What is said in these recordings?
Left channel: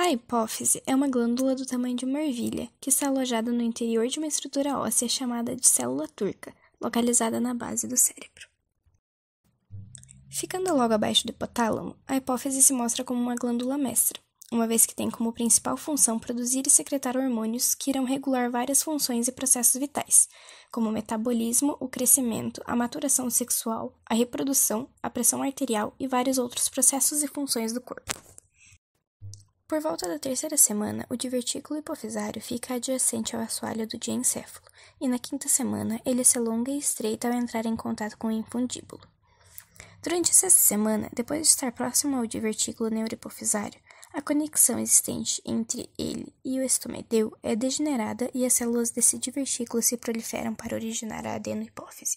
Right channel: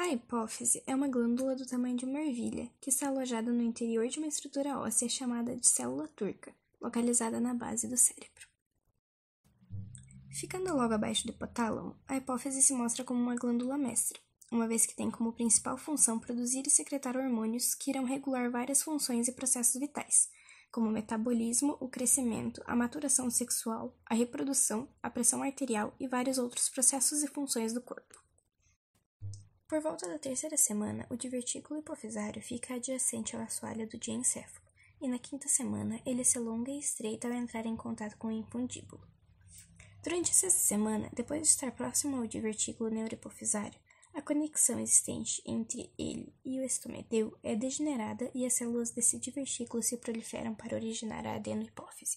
A hipófise é uma glândula do tamanho de uma ervilha, que está alojada no interior de uma estrutura óssea chamada de célula turca, localizada na base do cérebro. Ficando logo abaixo do hipotálamo, a hipófise se mostra como uma glândula mestra, uma vez que tem como principal função produzir e secretar hormônios que irão regular várias funções e processos vitais, como o metabolismo, o crescimento, a maturação sexual, a reprodução, a pressão arterial e vários outros processos e funções do corpo. Por volta da terceira semana, o divertículo hipofisário fica adjacente ao assoalho do diencéfalo, e na quinta semana ele se alonga e estreita ao entrar em contato com o infundíbulo. Durante essa semana, depois de estar próximo ao divertículo neurohipofisário, a conexão existente entre ele e o estomedeu é degenerada e as células desse divertículo se proliferam para originar a adenohipófise.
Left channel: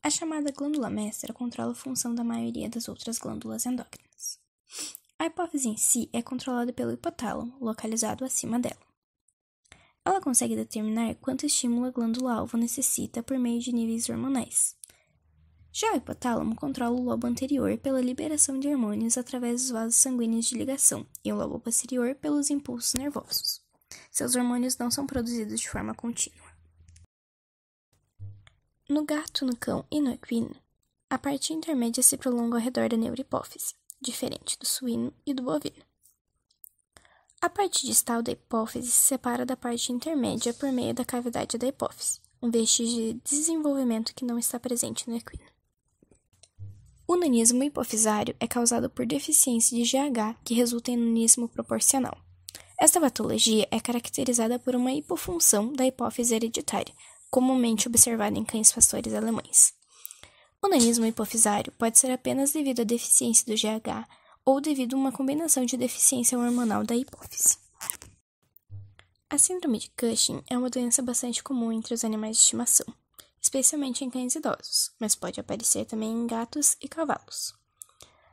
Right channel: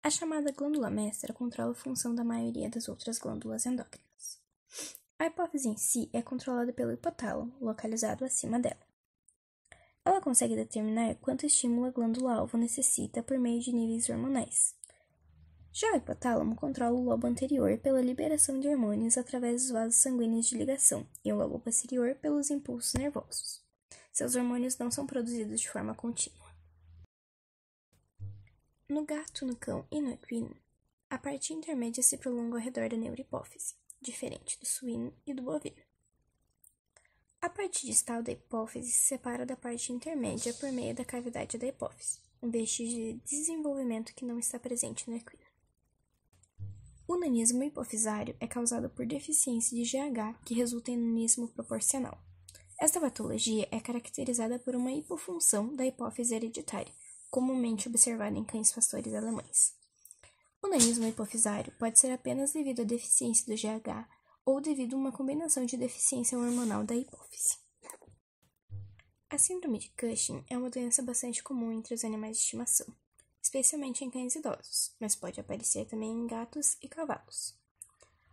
A chamada glândula mestra controla a função da maioria das outras glândulas endócrinas. A hipófise em si é controlada pelo hipotálamo, localizado acima dela. Ela consegue determinar quanto estímulo a glândula-alvo necessita por meio de níveis hormonais. Já o hipotálamo controla o lobo anterior pela liberação de hormônios através dos vasos sanguíneos de ligação e o lobo posterior pelos impulsos nervosos. Seus hormônios não são produzidos de forma contínua. No gato, no cão e no equino, a parte intermédia se prolonga ao redor da neurohipófise, diferente do suíno e do bovino. A parte distal da hipófise se separa da parte intermédia por meio da cavidade da hipófise, um vestígio de desenvolvimento que não está presente no equino. O nanismo hipofisário é causado por deficiência de GH que resulta em nanismo proporcional. Esta patologia é caracterizada por uma hipofunção da hipófise hereditária, comumente observada em cães pastores alemães. O nanismo hipofisário pode ser apenas devido à deficiência do GH ou devido a uma combinação de deficiência hormonal da hipófise. A síndrome de Cushing é uma doença bastante comum entre os animais de estimação, especialmente em cães idosos, mas pode aparecer também em gatos e cavalos.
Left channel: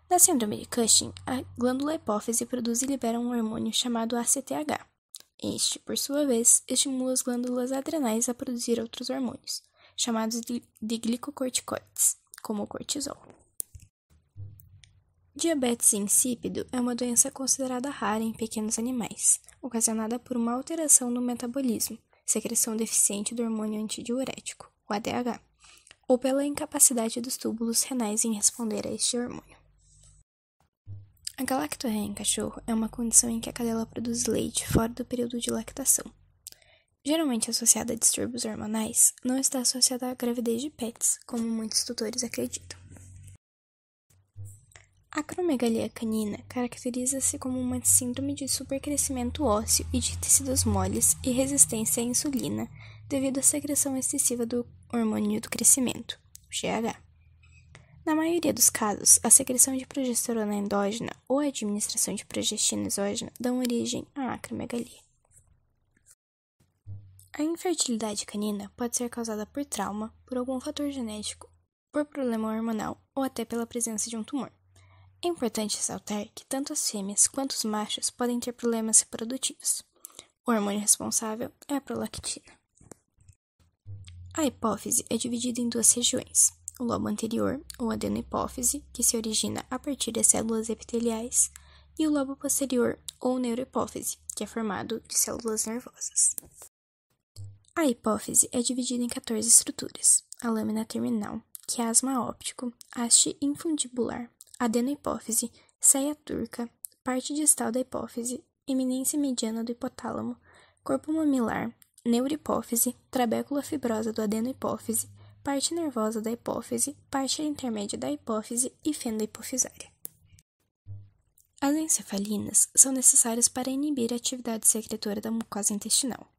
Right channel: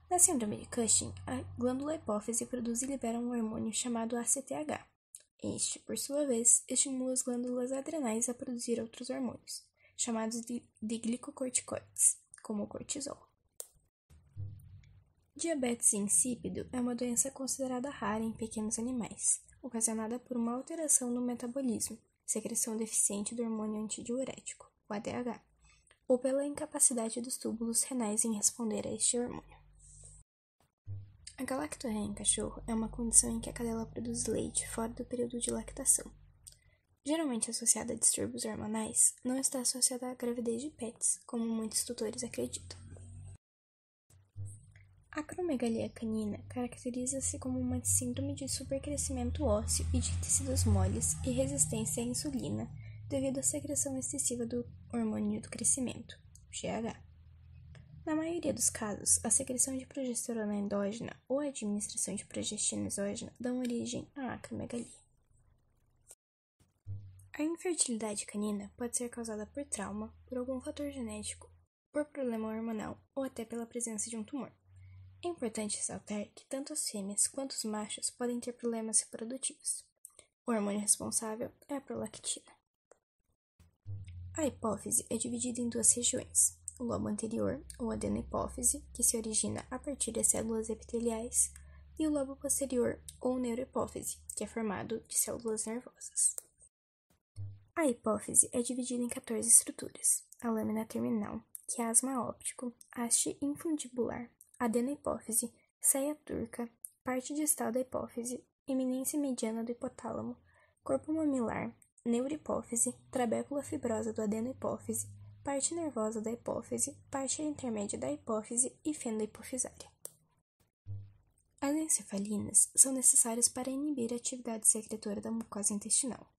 Na síndrome de Cushing, a glândula hipófise produz e libera um hormônio chamado ACTH. Este, por sua vez, estimula as glândulas adrenais a produzir outros hormônios, chamados de glicocorticoides, como o cortisol. Diabetes insípido é uma doença considerada rara em pequenos animais, ocasionada por uma alteração no metabolismo, secreção deficiente do hormônio antidiurético, o ADH, ou pela incapacidade dos túbulos renais em responder a este hormônio. A galactorreia em cachorro é uma condição em que a cadela produz leite fora do período de lactação. Geralmente associada a distúrbios hormonais, não está associada à gravidez de pets, como muitos tutores acreditam. A acromegalia canina caracteriza-se como uma síndrome de supercrescimento ósseo e de tecidos moles e resistência à insulina devido à secreção excessiva do hormônio do crescimento, o GH. Na maioria dos casos, a secreção de progesterona endógena ou a administração de progestina exógena dão origem à acromegalia. A infertilidade canina pode ser causada por trauma, por algum fator genético, por problema hormonal ou até pela presença de um tumor. É importante ressaltar que tanto as fêmeas quanto os machos podem ter problemas reprodutivos. O hormônio responsável é a prolactina. A hipófise é dividida em duas regiões: o lobo anterior, ou adenohipófise, que se origina a partir das células epiteliais, e o lobo posterior, ou neurohipófise, que é formado de células nervosas. A hipófise é dividida em 14 estruturas: a lâmina terminal, quiasma óptico, haste infundibular, adenohipófise, ceia turca, parte distal da hipófise, eminência mediana do hipotálamo, corpo mamilar, neurohipófise, trabécula fibrosa do adenohipófise, parte nervosa da hipófise, parte intermédia da hipófise e fenda hipofisária. As encefalinas são necessárias para inibir a atividade secretora da mucosa intestinal.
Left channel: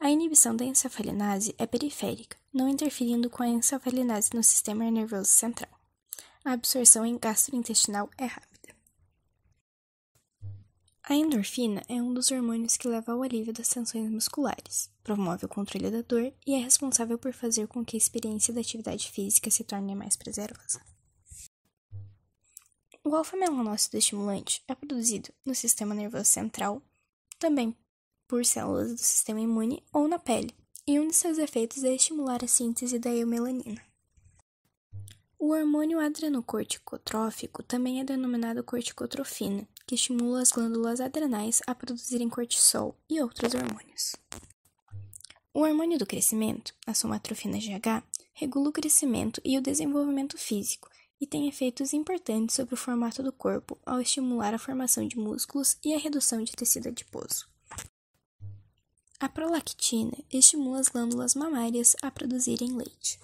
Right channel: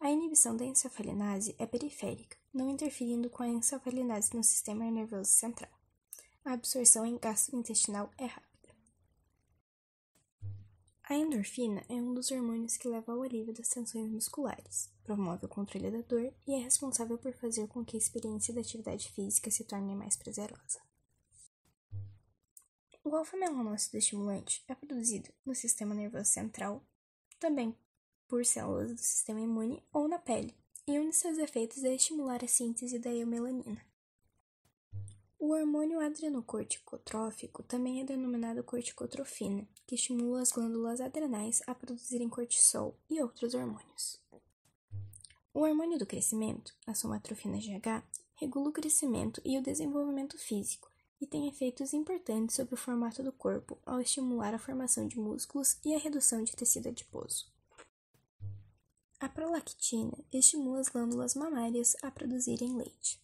A inibição da encefalinase é periférica, não interferindo com a encefalinase no sistema nervoso central. A absorção gastrointestinal é rápida. A endorfina é um dos hormônios que leva ao alívio das tensões musculares, promove o controle da dor e é responsável por fazer com que a experiência da atividade física se torne mais prazerosa. O alfa-melanócido estimulante é produzido no sistema nervoso central, também por células do sistema imune ou na pele, e um de seus efeitos é estimular a síntese da eumelanina. O hormônio adrenocorticotrófico também é denominado corticotrofina, que estimula as glândulas adrenais a produzirem cortisol e outros hormônios. O hormônio do crescimento, a somatropina GH, regula o crescimento e o desenvolvimento físico e tem efeitos importantes sobre o formato do corpo ao estimular a formação de músculos e a redução de tecido adiposo. A prolactina estimula as glândulas mamárias a produzirem leite.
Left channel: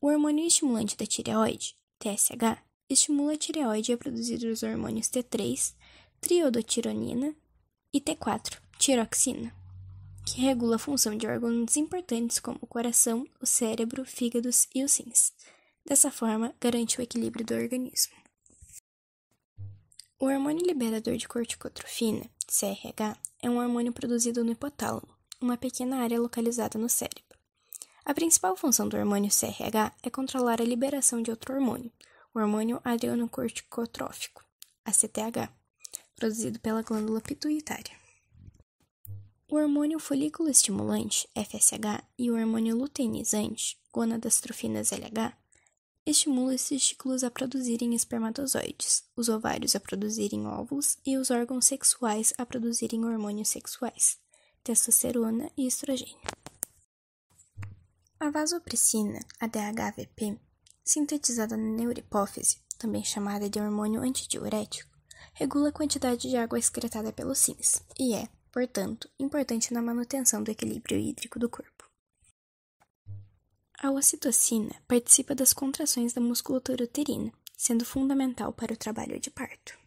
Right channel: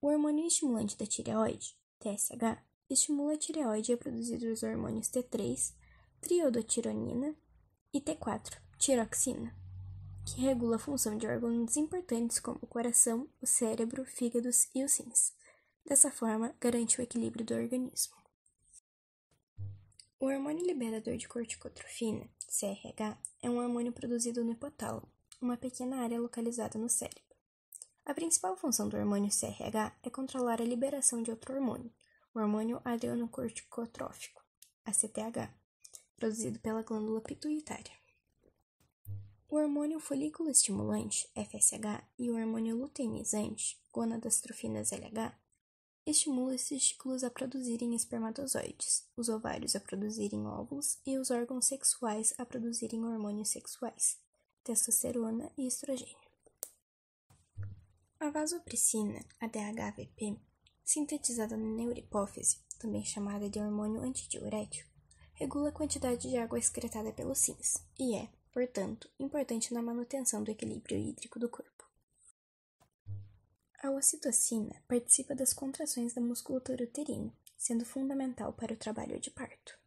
O hormônio estimulante da tireoide, TSH, estimula a tireoide a produzir os hormônios T3, triodotironina e T4, tiroxina, que regula a função de órgãos importantes como o coração, o cérebro, fígados e os rins. Dessa forma, garante o equilíbrio do organismo. O hormônio liberador de corticotrofina, CRH, é um hormônio produzido no hipotálamo, uma pequena área localizada no cérebro. A principal função do hormônio CRH é controlar a liberação de outro hormônio, o hormônio adrenocorticotrófico, ACTH, produzido pela glândula pituitária. O hormônio folículo estimulante, FSH, e o hormônio luteinizante, gonadostrofinas LH, estimulam os testículos a produzirem espermatozoides, os ovários a produzirem óvulos e os órgãos sexuais a produzirem hormônios sexuais, testosterona e estrogênio. A vasopressina, a DHVP, sintetizada na neurohipófise, também chamada de hormônio antidiurético, regula a quantidade de água excretada pelos rins e é, portanto, importante na manutenção do equilíbrio hídrico do corpo. A ocitocina participa das contrações da musculatura uterina, sendo fundamental para o trabalho de parto.